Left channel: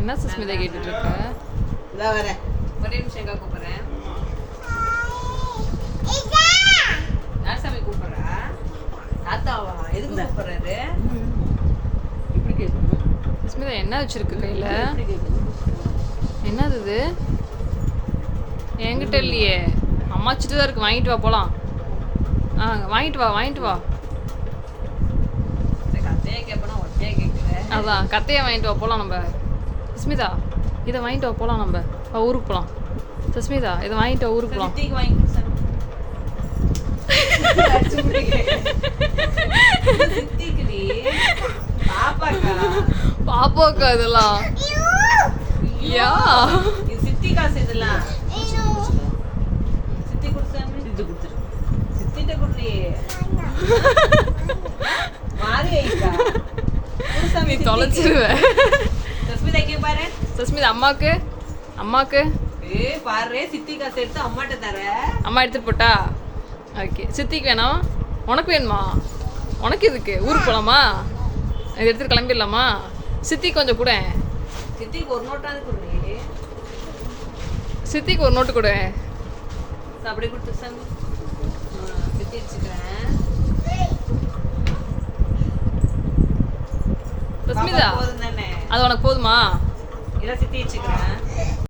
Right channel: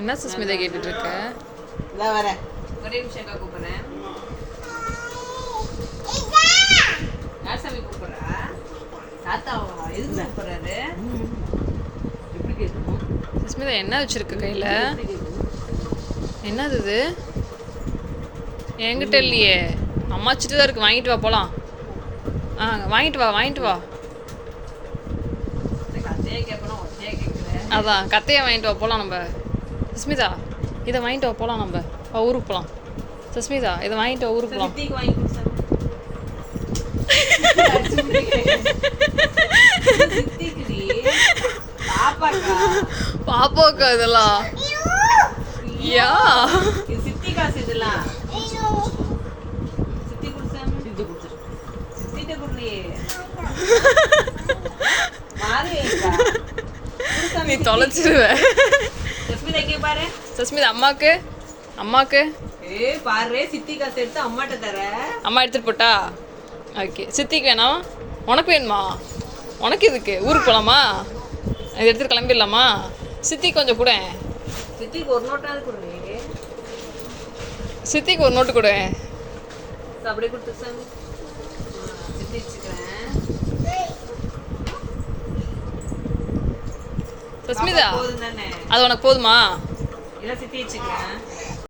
என்ன சுஸ்மிதா கேட்டுட்டு இருக்க இதா வரேன் ஒரே நிமிஷம் அக்கா கூப்பிடுறேன். யார் சாமி கூப்பிடுறா? தாத்தாவா? எதுக்கு கூப்பிடுறாரு? கேட்கணும். சுஸ்மிதா என்ன வச்சிருக்க கையில? என்னது இது? என்கிட்ட இல்லையே. அம்மாச்சிட்டு தான் இருக்கு. வாங்கிட்டு வா போலாம். ஆ வாங்கிட்டு வா வாங்கிட்டு வா. அதான் கத்தையை வாங்கிட்டு வா போலாம் நம்ம. சுஸ்மிதா இதை வாங்கிட்டு வா போலாம் நம்ம. ஊருக்கு போலாம். சுஸ்மிதா இதை வாங்கிட்டு ஊருக்கு சித்திக்குடி பாப்பாக்கா. இதெல்லாம் யா. சித்தி காசு இதெல்லாம் சித்தி குடுசாமி இது கொடுத்துரு. சித்திட்ட மாறி வைக்கா. நீ தொலைச்சிருவ. சஸ்மிதா இங்கே பாரு. சுஸ்மிதா அம்மாக்கு? அம்மாக்கு? ஏ பாரு சித்தி காசு எடுத்து அம்மாட்ட தர. அம்மா எடுத்துட்டு போட்டா? ஓகே. சித்திக்கு வேணாம் உனக்கு வேணுமா? உனக்கு எதுக்கு? ஊருக்கு போகலாமா இது எடுத்துட்டு கிளம்பிடலாமா? சித்திக்கு கொஞ்சம் கூட. சித்திக்கு ஒரு நோட்டாவது கொடுங்க சித்திக்கு ஒரு நோட்டு கொடு. அப்படி கொடுத்து சித்தி வச்சுக்கிறேன். சஸ்மிதா அது உனக்கு போதுமா? இல்ல சித்தி வச்சுக்கிறேன்